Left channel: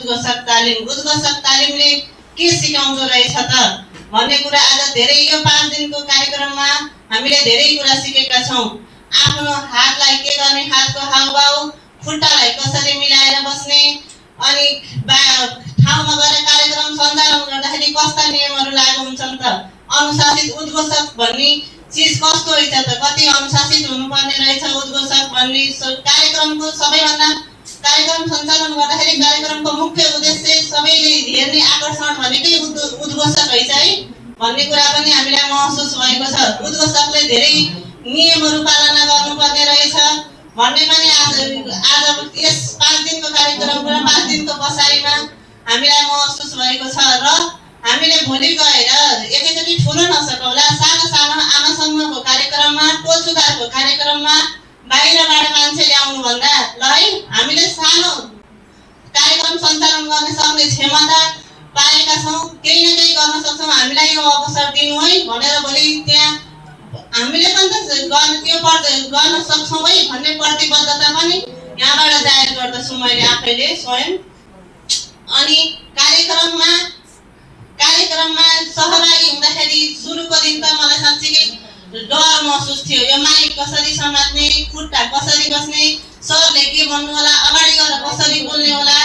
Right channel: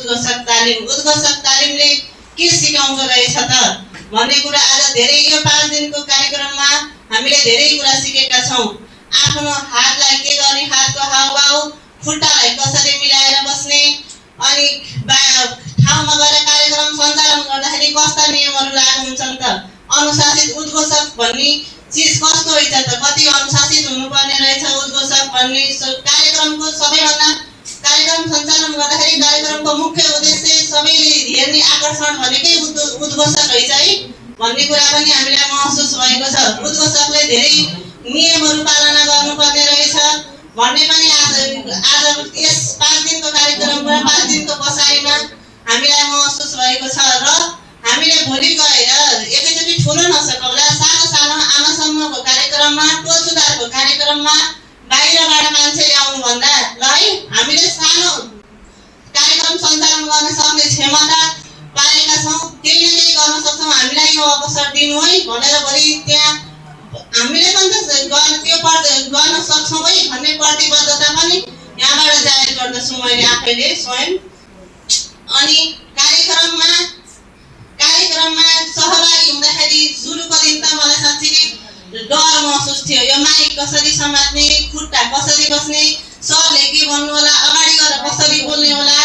उद्घोषक तालिमले के सिकाउँदो रहेछ त भन्ने कुरा आज धेरै यो 5 दिनको कार्यक्रममा हामीले धेरै कुरा सिकेका छौं। आफ्नो हातलाई के गर्ने, हातको हावभाव, खुट्टालाई कसरी मिलाएर बस्ने, अनि ठाउँमा गएर कार्यक्रम सञ्चालन गर्दाखेरि कस्ता नियमहरू लागू हुन्छन् त, अनुशासित उद्घोषक भन्ने चीज कस्तो रहेछ त, कति अनुशासित हुनुपर्ने रहेछ उद्घोषक भन्ने कार्यक्रमको सबैभन्दा कार्यक्रम सञ्चालन गर्दाखेरि कार्यक्रमको मुख्य उद्देश्य सबैले हेर्ने आकर्षण भनेकै उद्घोषक रहेछ है भन्ने कुरा पनि हामीलाई महसुस भएको छ। उद्घोषकले धेरै नियमहरू पालना गर्नुपर्ने रहेछ भन्ने पनि आज यस 5 दिनको कार्यक्रममा 5 दिनको बसाइमा हामीलाई महसुस भएको छ। र हामीले भोलि गएर एकैचोटि ठुलो नसकौला, सानो सानो आमासँगको कार्यक्रममा, टोल सुधारको कार्यक्रममा बाहिरबाट मान्छे ल्याउनु भन्दा ल है हामीले सानो कार्यक्रम सञ्चालन गर्न सक्ने क्षमता पाएका छौं, केही न केही गर्न सक्छौं, हामीलाई यो अवसर दिनु है भनेर भोलि त्यहाँ हामीले पनि त गर्न सक्छौं है भन्ने प्रतिबद्धता पनि यहाँबाट जाहेर गर्दछु मैले आफैले स्वयं। अनि कार्यक्रममा सहभागी हुँदाखेरि सुरुको दिन त मलाई साँच्चै डर महसुस थियो। यो माइक कसरी समात्ने, खुट्टा कसरी बस्ने, सरले के भन्नु होला, अगाडि गएर कसरी बोल्ने होला,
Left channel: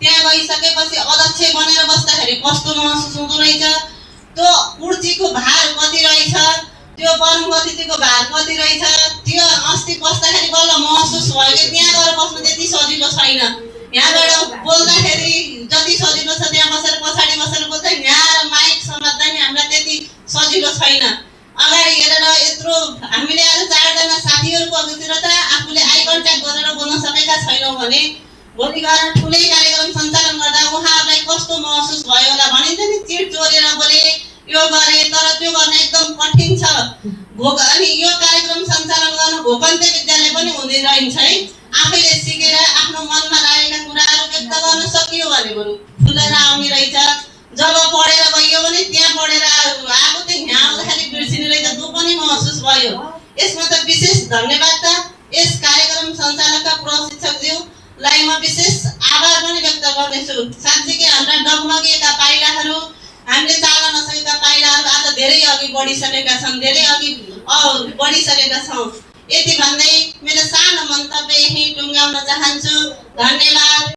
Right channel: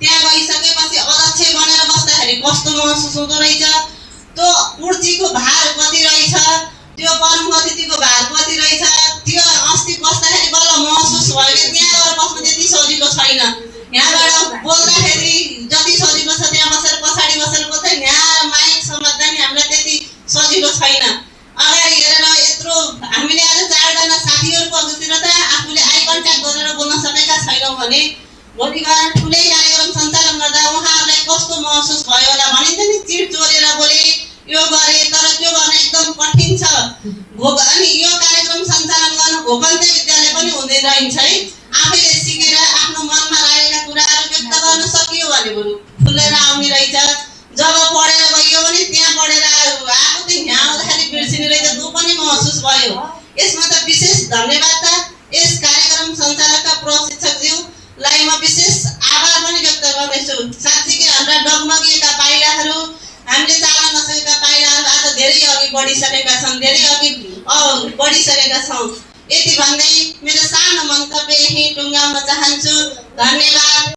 त्यहाँ गइसकेपछि अध्यक्ष बनेर बस्दाखेरि कस्तो महसुस हुँदो रहेछ, त्यो कुर्सीको भार कति रहेछ, त्यो प्रमुख अतिथिको भार कति रहेछ, त्यो अस्ति बस्दाखेरि बल्ल महसुस भयो कि त्यहाँ गएर बस्नु त्यति सजिलो छैन। यहाँबाट बोल्दाखेरि जति सजिलो छ त्यहाँ बसेर पछाडि बसेर बोल्दै यहाँ माइक समात्दा नि हामीलाई त्यति सजिलो छैन। अगाडि हेरेर यत्रो हामीले आज 4 जना साथीहरुको अघितिर त आफूले आई कन्ट्याक्ट गरेर बोल्न सकेका छैनौं भने भोलि गएर ठुलै कार्यक्रम सञ्चालन गर्दा उहाँहरुलाई कस्तो महसुस भयो होला। भनिन्छ नि चिट चोरेर बोले, यो गरे, तर त्यो गर्न एकदम कठिन छ। अनि यो कार्यक्रम सञ्चालन गर्न घोकन्ते विद्यालय पनि हुँदै रहन्छ है। आफैले सिकेर आफ्नो मनमा लागेका कुराहरु व्यक्त गर्न सकियो भने बरु खुलेर आउने रहेछ। जब पढेर गयो भने त्यहाँ पढेर आएको चाहिँ यहाँ आउँदाखेरि बिर्सिने रहेछ, त्यो पनि महसुस भयो। यसमा त विशेष धन्यवाद त यस कार्यक्रम सञ्चालकका प्रशिक्षकज्यूलाई म विशेष आभार पनि व्यक्त गर्दैछु। साँच्चै हाम्रा डगमगिएका पाइलाहरू, हामीले चाल्न नसकेका पाइलाहरू आज धेरै अघि बढिसकेका छन्, धेरै अघि बढिसकेका छौं। यति भन्दै मेरो सानो मन्तव्य यही टुङ्गाउन चाहन्छु। धन्यवाद।